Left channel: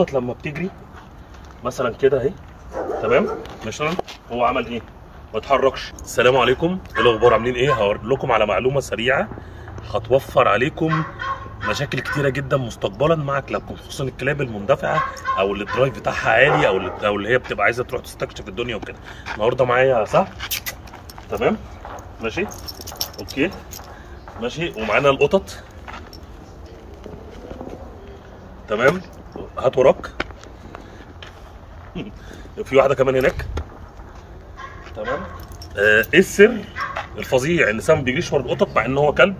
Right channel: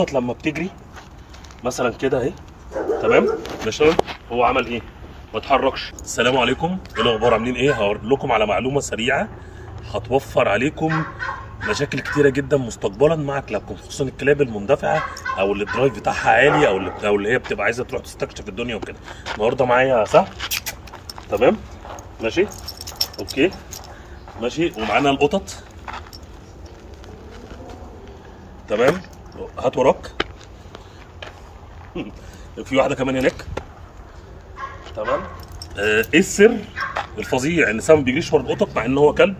القطط لما بتجري مثلا كده اهي، تمام، مثلا هو عمل ايه؟ ما اتحركش. السلام عليكم، ايه الاخبار؟ عاملين ايه؟ هقول لكم على معلومه سريعه هتوفر عليكم مشاكل كتيره جدا مستقبلا مع كلابكم، خصوصا الكلاب المندفعه او اللي الدرايف بتاعها عالي او اللي هي بتبقى عايزه تروح تستكشف الدنيا وكده. النهارده معايا سهل، تمام، ماشي، اوكي، ماشي، ومعانا القطط، تمام، هات وراك. في واحده كمان هناك، تمام. ايه السر الفظيع ان سام ما بيجريش ورا القطط مع ان هو كلب؟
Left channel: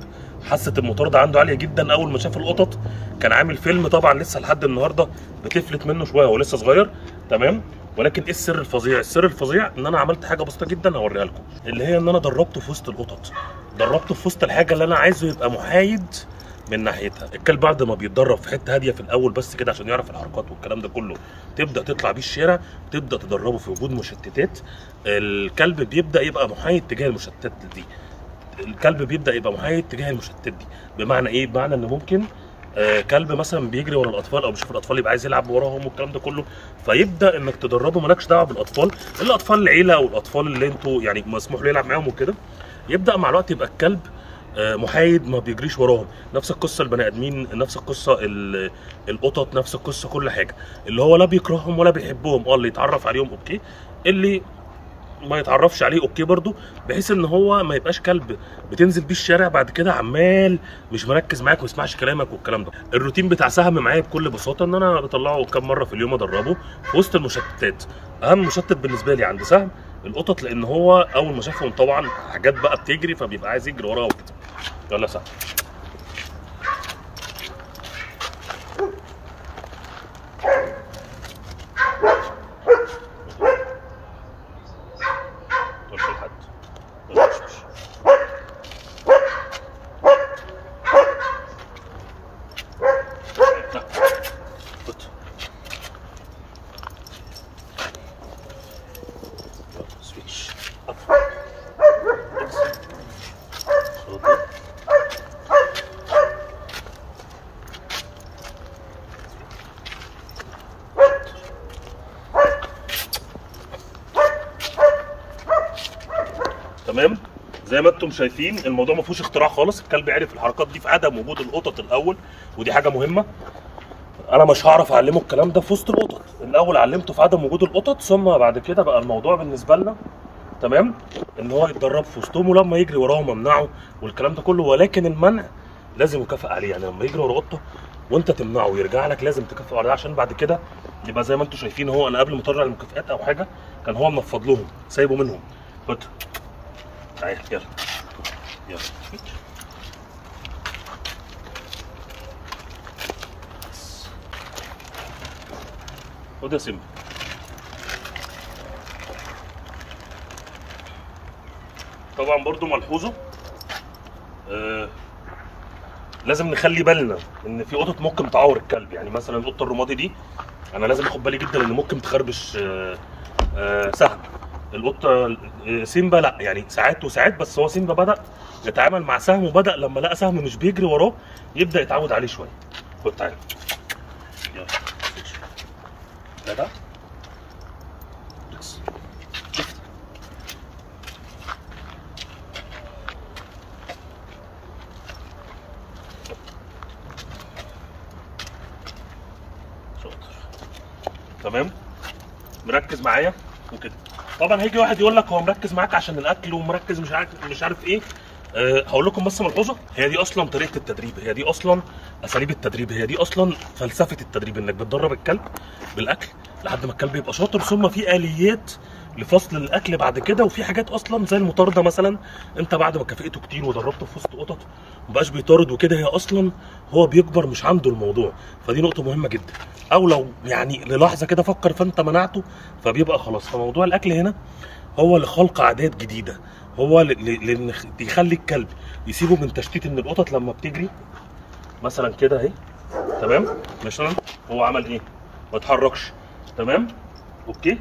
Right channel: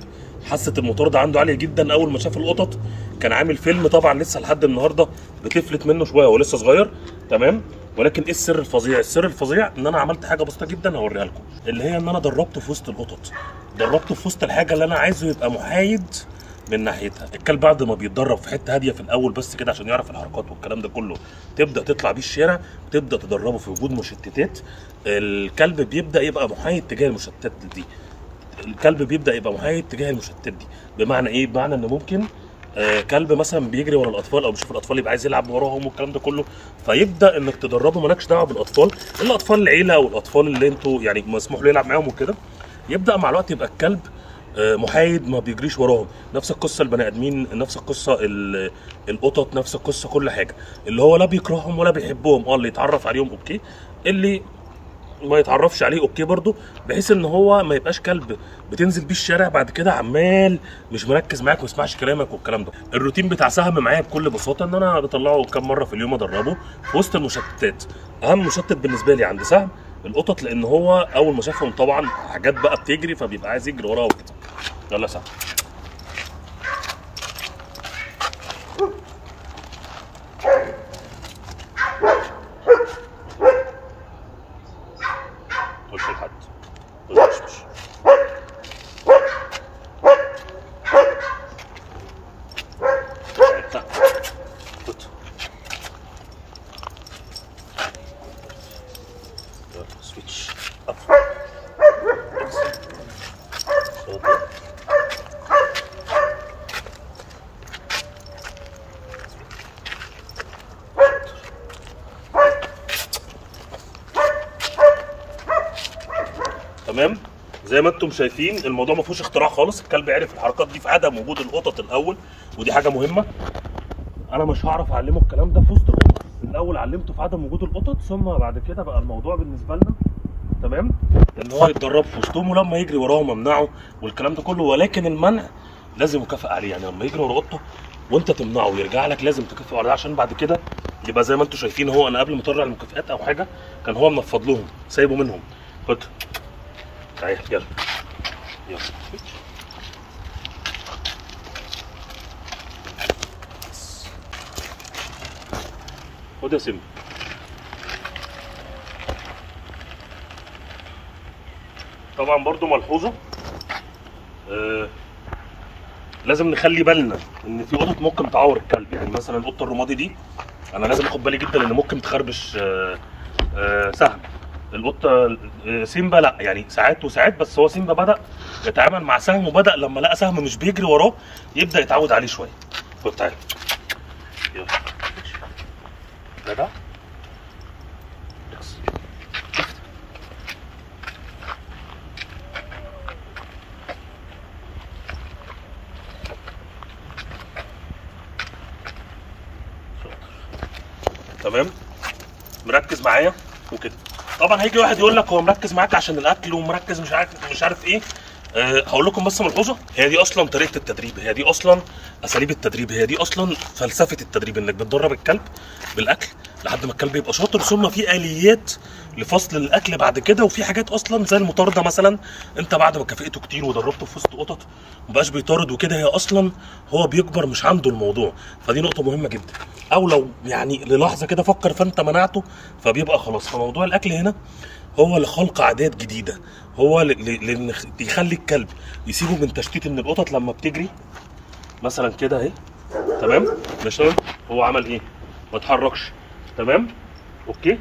حاسه المطارده عنده عاليه جدا. اول ما شاف القطط كان عامل فيلم، طبعا لسه لحد النهارده بتفلت منه شويه، هو لسه صغير، تمام. ولكن ايه السر الفظيع؟ السر الفظيع ان انا عملت حاجه بسيطه جدا هوريها لكم، اللي هي ان انا دربته في وسط القطط، دربته في وسط الحاجه اللي انا عايزه يبقى محايد من ناحيتها. الكلب بعد ما بيتدرب في حته هاديه في الاول بس كده عشان يعرف الحركات والكلام ده كله، تبدا تطلع بيه الشارع، تبدا تدربه في وجود مشتتات، الكلب بيبدا يبقى محايد تجاه المشتتات دي. الكلب بيبدا يبقى محايد تجاه المشتتات دي. بمعنى ايه؟ بمعنى ان ممكن كلب مثلا بيجري ورا الاطفال او بيشوف الاطفال يبقى عايز يلعب وراهم والكلام ده كله، فيبدا انك تدربه مالكش دعوه بالاطفال، الا اطفال العيله او الاطفال اللي انتوا يعني مسموح له يلعب معاهم وكده. يبدا مع الوقت يبقى الكلب محايد، ما بيجريش وراهم. نفس القصه البني ادمين، نفس القصه القطط، نفس القصه كل حاجه، اللي هو لا بيكرههم ولا بيحبهم. اللي يتعرف عليهم اوكي، اللي ما يتعرفش عليه اوكي برضو، بحيث ان هو ما يبقاش كلب بتنزل بيه الشارع بعد كده عمال مش مركز معاك وما يسمعش كلامك والكلام ده. الروتين بتاع سهم معايا بكل بساطه ان انا بطلعه كام مره في اليوم ادربه في وسط المشتتات. اهم مشتت بالنسبه لي عند سهم القطط، لان هو اول ما شافهم طبعا حاجات بقى بتجري فبيبقى عايز يجري وراها وكده. يلا يا سهم. سويتش تمام. زي ما انتم شايفين الموضوع ما فيهوش اختراع خالص، الكلب عرف الحركات دي في عدم وجود القطط الاول، ودي حاجه مهمه. انا مش هعرف اعلمه الكلام ده في وسط القطط، الاول علمته في عدم وجود القطط، ثم بعد كده بقى الموضوع بالنسبه لنا تمام ان هو يتدرب في وسطهم، ولما يجري وراهم امنعه والكلام ده كله. ولكن المنع لازم يكافئ عليه، يعني لما يجري ورا قطه وانت تمنعه ويرجع لك لازم تكافئه عليه، عشان بعد كده يبقى زي ما انتم شايفين. هو انا قبل ما اطلع المكافئات او حاجه كان هو منفض لهم سايبه منهم. خد تعالى يلا يلا خد يا سيمبا. طبعا برضو ملحوظه لازم نخلي بالنا ان في قطط ممكن تعور الكلب. يعني مثلا القطه الرمادي دي انا لازم اخد بالي جدا ان ممكن تخربش سهم. القطه سيمبا لا، يعني ساعات وساعات، بس هو سيمبا بدا يتعامل مع سهم، وبدا لما لقى سهم مش بيجري وراه يبدا يتعود عليه شويه. خد تعالى يلا جدع. تمام، مركز معايا وكده. طبعا هيجي واحد يقول لك هو مركز معاك عشان الاكل ومركز مش عارف ايه. هقول لكم بس ملحوظه، هي دي اصلا طريقه التدريب، هي دي اصلا اساليب التدريب، هي دي اصلا فلسفه التدريب، انك بتدرب الكلب بالاكل لحد ما الكلب يبقى شاطر، ثم في اليات لفصل الاكل بعد كده. وفي حاجات اصلا زي المطارده مثلا، انت بعد ما كافئته كتير ودربته في وسط قطط مبقاش بيطارد وكده، هي اصلا هو بيكبر مش عنده الموضوع. فدي نقطه مهمه جدا. او لو يعني للحظه كده فكر فانت منعته فبيبقى خلاص. فموضوع الاكل هنا هو لخلق عادات جديده، هو يخلي الكلب يسيبه من تشتيت. ان القطط لما بتجري مثلا كده اهي، تمام، مثلا هو عمل ايه؟ ما اتحركش، تمام، اوكي،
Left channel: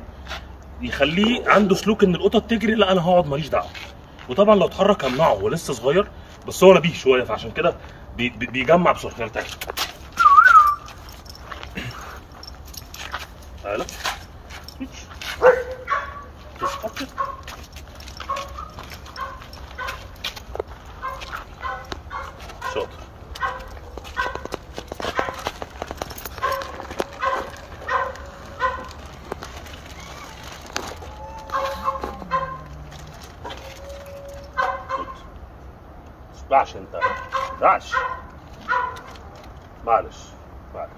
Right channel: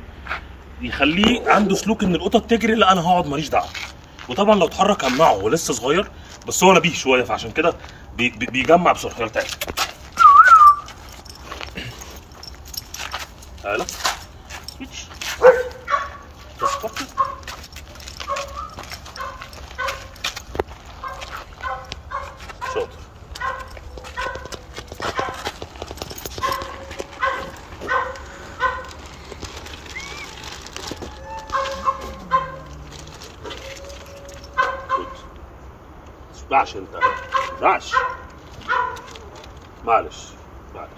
يخليه عنده سلوك ان القطط تجري لا انا هقعد ماليش دعوه. وطبعا لو اتحرك همنعه، هو لسه صغير بس هو نبيه شويه، فعشان كده بيجمع بسرعه. تعالى تعالى سويتش تسبورت. شاطر. معلش انت معلش معلش معلش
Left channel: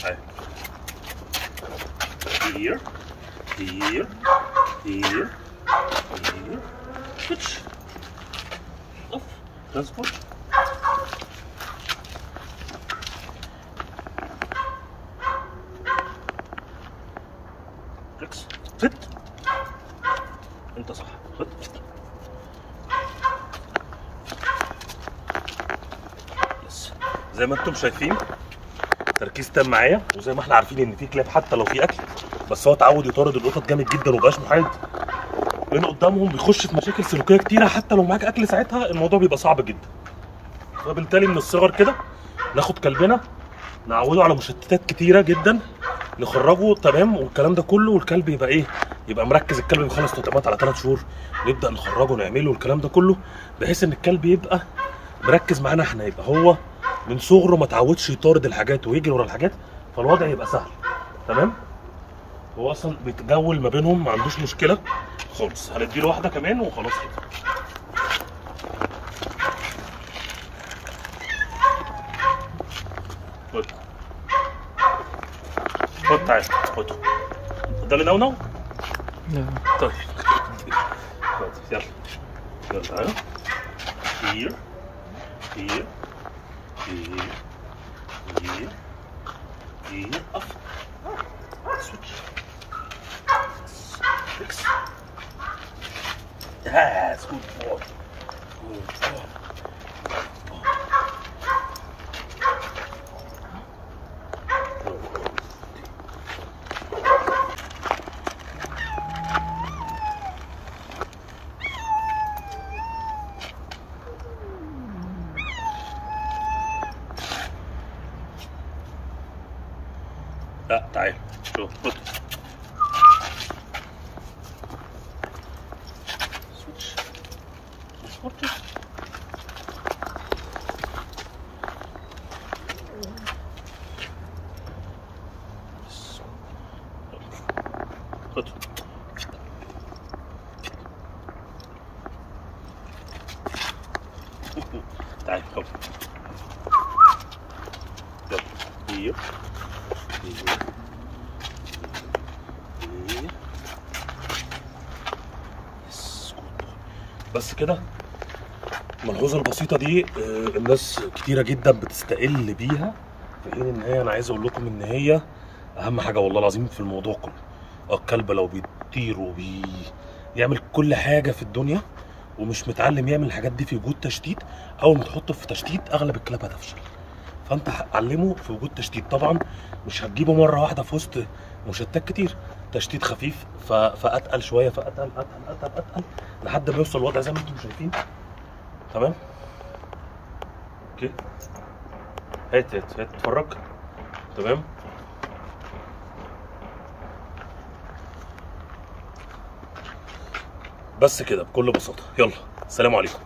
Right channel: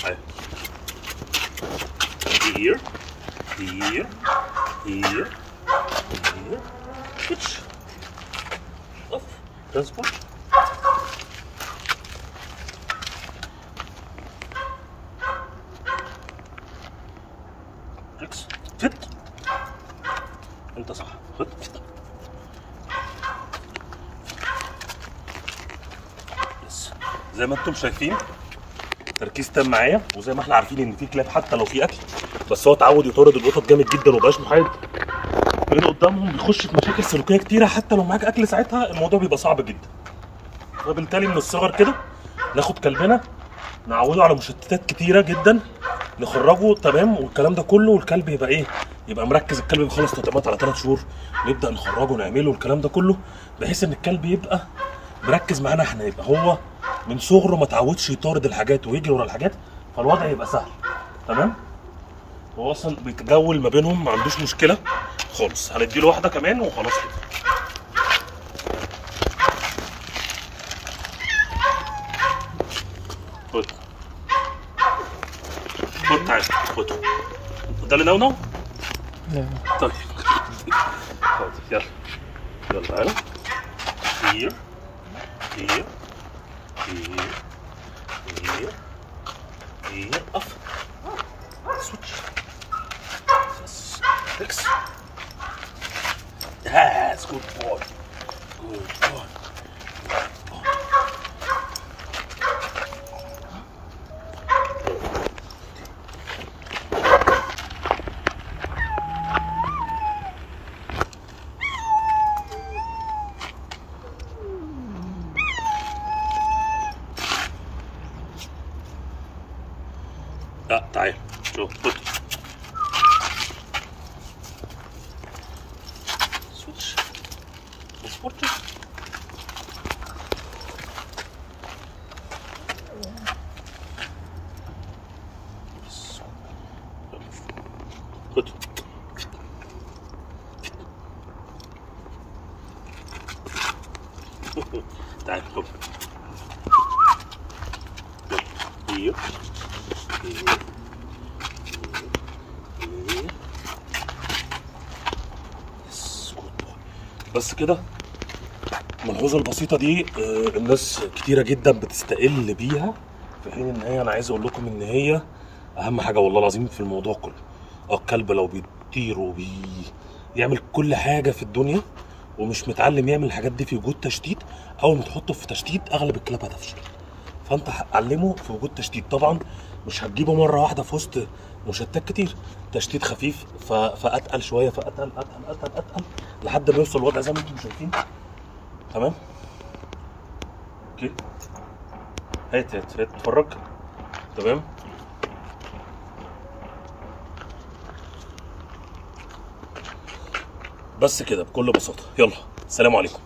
معلش. Here, here, here, here. Switch. Off. Transport. فيكس. فت. انت صح. فت. يس. زي ما انتم شايفين تركيز تام معايا، وزي ما احنا عارفين ان في كلاب حتى لو في اكل بس هو اتعود يطارد القطط جامد جدا ومبقاش محايد بين قدامهم، بيخش في مشاكل سلوكيه كتيره. حتى لو معاك اكل ساعتها الموضوع بيبقى صعب جدا. فبالتالي من الصغر كده ناخد كلبنا نعوده على مشتتات كتيره جدا، نخرجه تمام والكلام ده كله، والكلب يبقى ايه، يبقى مركز. الكلب بيخلص تطعيمات على 3 شهور نبدا نخرجه نعمله الكلام ده كله، بحيث ان الكلب يبقى مركز معانا احنا، يبقى هو من صغره ما اتعودش يطارد الحاجات ويجري ورا الحاجات، فالوضع يبقى سهل. تمام. هو اصلا بيتجول ما بينهم ما عندوش مشكله خالص. هنديله واحده كمان وخلاص كده. خد خد تعالى خد. ده اللي نونو؟ لا. طيب خد يلا يلا تعالى. here here here here here off switch fix. Yes, good boy. Good boy. لا تعال شوف خد سويتش سبورت. خد تعال خد يلا. بس كده. الملحوظه البسيطه دي الناس كتيره جدا بتستقل بيها، في حين ان هي انا عايز اقول لكم ان هي اهم حاجه والله العظيم في الموضوع كله. الكلب لو بيطير وبيعمل كل حاجه في الدنيا ومش متعلم يعمل الحاجات دي في وجود تشتيت، اول ما تحطه في تشتيت اغلب الكلاب هتفشل. فانت علمه في وجود تشتيت. طبعا مش هتجيبه مره واحده في وسط مشتتات كتير، تشتيت خفيف فاتقل شويه، فاتقل اتقل اتقل اتقل لحد ما يوصل الوضع زي ما انتم شايفين. تمام. اوكي هات اتفرج. تمام. بس كده بكل بساطه. يلا سلام عليكم.